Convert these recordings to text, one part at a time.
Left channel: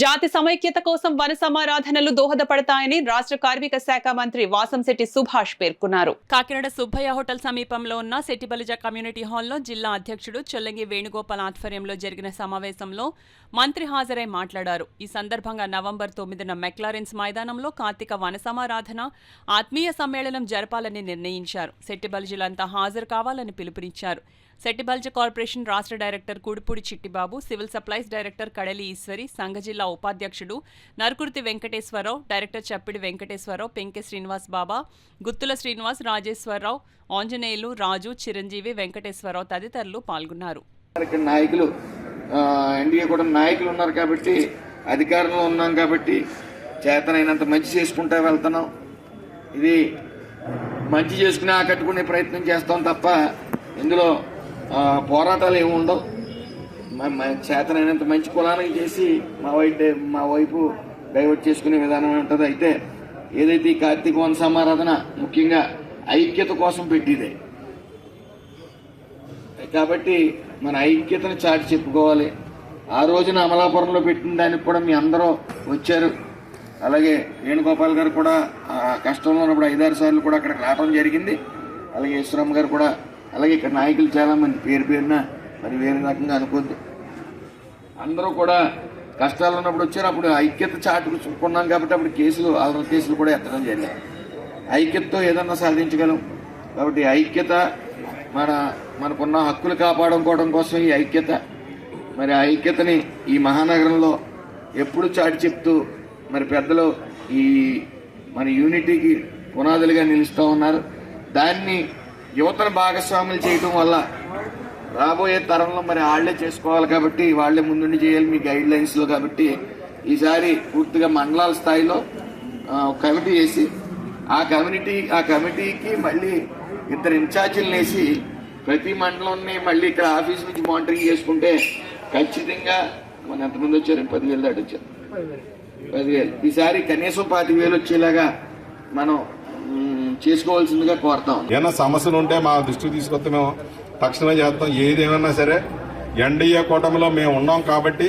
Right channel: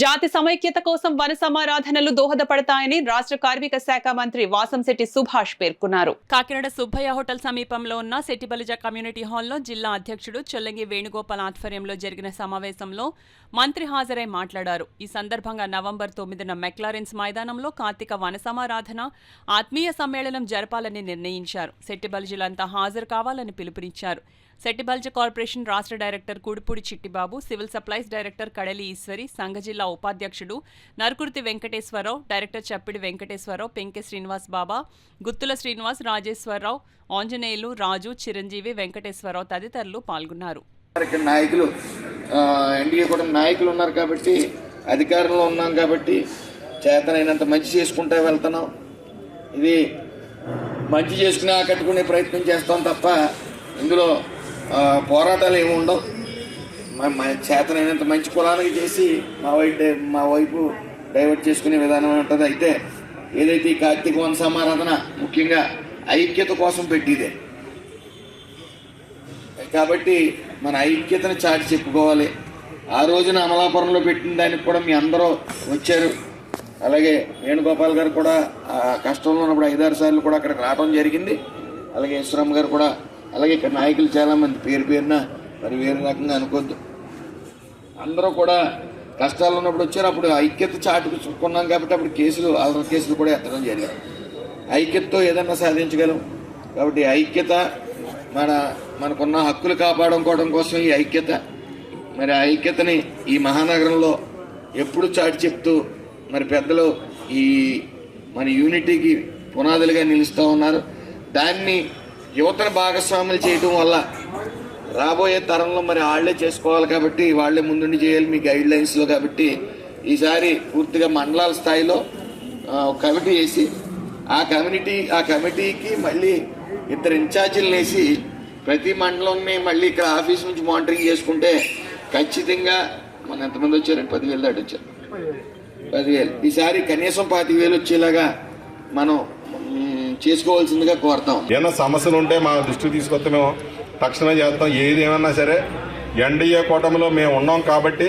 జాతి సమైక్యత కోసం వన సమారాధనలు దోహదపడతాయని రాష్ట్ర కార్మిక శాఖ మంత్రి వాసంశెట్టి సుభాష్ పేర్కొన్నారు. కాకినాడ సుబ్బయ్య హోటల్ సమీపంలో ఉన్న సెట్టిబలిజ కమ్యూనిటీ హాల్లో జిల్లా అధ్యక్షుడు చొల్లంగి వేణుగోపాల్ ఆధ్వర్యంలో జరిగిన సమావేశంలో మంత్రి హాజరై మాట్లాడారు. ఈ సందర్భంగా నవంబర్ 9న మెక్లారెన్స్ మైదానంలో కార్తీక వన సమారాధన ఆత్మీయ సమ్మేళనం జరపాలని నిర్ణయించారు. సెట్టిబలిజలంతా హాజరు కావాలని పిలుపునిచ్చారు. సెట్టిబల్జ కార్పొరేషన్ రాష్ట్ర director Kudupudi Chittibabu, civil supplies director కడలి ఈశ్వరి, సంఘ జిల్లా ఉపాధ్యక్షుడు నరుకుర్తి వెంకటేశ్వరరావు, డైరెక్టర్ చప్పిడి వెంకటేశ్వరరావు, పెంకె శ్రీనివాస్ బాబా, గుత్తుల శ్రీనివాస్, రాజేశ్వరరావు, ఆంజనేయులు, రాజు, చిరంజీవి, వెంకటేశ్వరరావు తదితరులు పాల్గొన్నారు. నాయకులు ఎన్డీఏ కూడా నాయకులు ఉన్నారు కాబట్టి, అధికారంలో ఉన్నాం కాబట్టి చేతనైనంత మంచి చేసుకుంటూ వెళ్తున్నాం. ఇది మంచి చేసుకుని ఆకట్టుకునే ప్రయత్నం చేస్తాం తప్ప ఇందులో పోరాటాలు ఏమి ఉండవు. చేతనైనంత మంచి కులానికి చేసి మా వైపు డైవర్ట్ చేసుకునే విధానం ఉంటుంది. అయితే ఏదైతే ఈ కార్తీక వన సమారాధన ముఖ్యంగా ఐక్యత కోసం పెట్టిదే కాబట్టి మన ఐక్యతను చాటి చెప్పుకోవాలి. ఆ రోజున అమలాపురంలో పెట్టిన దానికి కూడా మీ అందరూ వచ్చారు. అలాగే వేణుగోపాల్ గారు కూడా కష్టంలో ఉన్నప్పుడు 5-6 సార్లు కూడా అక్కడికి రావడం జరిగింది. అలాగే ఈశ్వరమ్మ గారు కూడా, అలాగే ఇక్కడ నాయకులు చాలామంది పేరున మరి వేరే రకంగా అనుకోవద్దు. అందరూ కూడా కష్టాలు ఉన్నప్పుడు వచ్చారు. అప్పుడు ఐక్యత చాటుకున్నాం కాబట్టి అప్పుడు అల్లరి కేసులు కూడా ఎత్తడం జరిగింది. ఐక్యతతో ఏదన్నా సాధించగలం. కాబట్టి ఐక్యత మనకున్న హక్కులు కాపాడుకోవడం కోసం ఈ ఐక్యత, మరి ఆ ఐక్యతని ఈ మహానగరంలో ఎప్పుడు చాటి చెప్తూ మరి పెద్దలు ఈ మన యూనిటీకి పునాదులుగా నిలుస్తూ ఉన్నారు. దాన్ని యువతను భాగస్వాములు చేయడం వల్ల రాబోయే తరంలో మరి వాళ్లే చేసుకోవాలి కాబట్టి వాళ్లే ముందుండి చేయాలి మీ గైడ్ లైన్స్లో. కాబట్టి ఈసారి పూర్తిగా మండలాల స్థాయిలో కమిటీ వేసి ఆ కమిటీకి మళ్ళీ 2 ఇన్ఛార్జీలు వేసి ప్రతి మండలాన్ని మళ్ళీ ఇక్కడ ఆఫీస్ నుంచి మానిటరింగ్ చేసుకుంటే ఖచ్చితంగా మన ఎంతమంది వచ్చారు? 10,000 దాటి వచ్చారు. 10,000 ఈసారి కనీసం 25,000 వచ్చేలాగా మనం చేసుకోవాల్సిందిగా కోరుతాం. ఏమైనా సమస్యలు ఉంటే మా దృష్టికి తీసుకొస్తే మేము తక్షణమే చేస్తాం. ఏదేమన్నా సరే ఎన్డీఏ కూటమిలో మేము ఉన్నాం కాబట్టి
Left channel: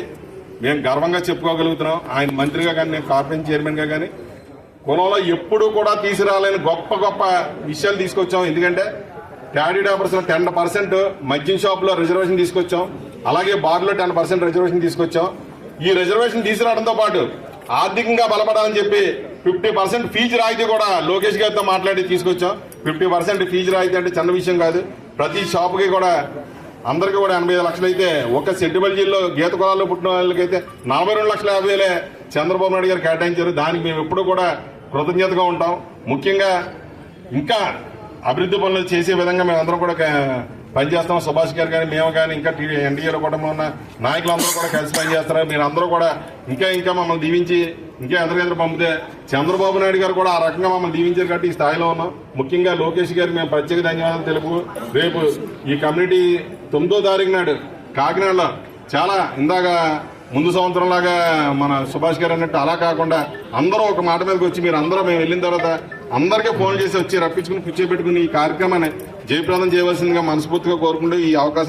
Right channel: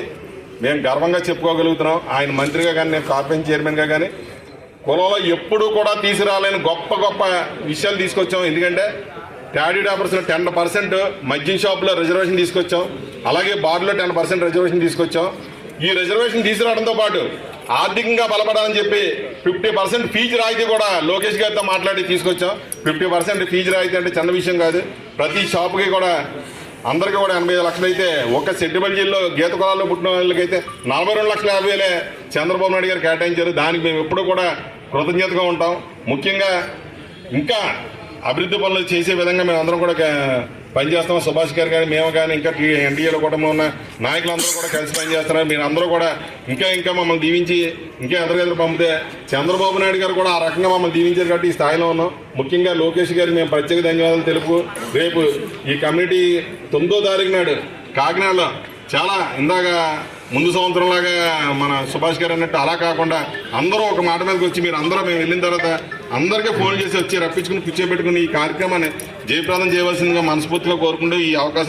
మేము గర్వంగా చెప్పుకోగలుగుతున్నాం. ఆయన మంత్రిగా కానీ, నేను కార్పొరేషన్ చైర్మన్గా కానీ కులంలో ఎప్పుడూ కూడా తీసుకురాలేని గొప్ప గొప్ప విషయాలు తీసుకొచ్చాం. ఎందుకంటే ట్యాడీ డాపర్స్లో 10% మద్యం షాపులో రిజర్వేషన్ తీసుకొచ్చాం. అలాగే బార్లో 10% రిజర్వేషన్ తీసుకొచ్చాం. ఈ రిజర్వేషన్ తీసుకురావడంతో పాటు ఆర్థికంగా బలపడాలని చెప్పి 50% ఫీజు రాయితీ కూడా లోకేష్ గారితో మాట్లాడి తీసుకొచ్చాం. 50% ఫీజు రాయితీ అంటే చిన్న విషయం కాదు. ప్రతి షాపుకి కూడా అందరికీ కూడా 85 లక్షలు అయితే, ఒక సెట్టిబల్జీల్లో గీత కులాల్లో పుట్టిన వాళ్ళకైతే 42,50,000 చంద్రబాబు నాయుడు గారు కేటాయించారు. దానికి మేము ఎప్పుడూ కూడా కృతజ్ఞతగా ఉంటాం. ముఖ్యంగా ఇంకా అభివృద్ధి పనులు చేసే విధంగా మేమందరం కూడా పనిచేస్తాం. సుభాష్ గారు కానీ, మేము కానీ, ఇంకా ఎన్డీఏలో కూడా ఉన్న నాయకులందరూ కూడా కలిసి పనిచేస్తారు. మీరు అందరూ కూడా ఇంకా మమ్మల్ని దీవించి ఇంకా ఎదురు పంపితే చంద్రబాబు నాయుడు గారు కూడా ఆ రకంగా మమ్మల్ని దీవించారు కాబట్టి ఈ స్థాయిలో ఉన్నాం. ముఖ్యంగా లోకేష్ గారు మేము ప్రత్యేక ధన్యవాదాలు తెలుపు. రేపు ఈ కమ్యూనిటీ 9వ తారీఖు నాడు కాకినాడలో చాలా ఇందాక ముందు సంవత్సరంలాగా మన సుభాష్ గారు అన్నట్టు అలా కాకుండా అందరూ ఒక మాట మీదకి వచ్చి మీరు అందరూ మేము వెళ్ళిన తర్వాత అందరికీ ఫోన్ చేసి వచ్చి రప్పించుకుని కూర్చోబెట్టుకుని ఈ కార్యక్రమాన్ని జయప్రదం చేయవలసిందిగా మనస్ఫూర్తిగా కోరుకుంటూ ఈ అవకాశం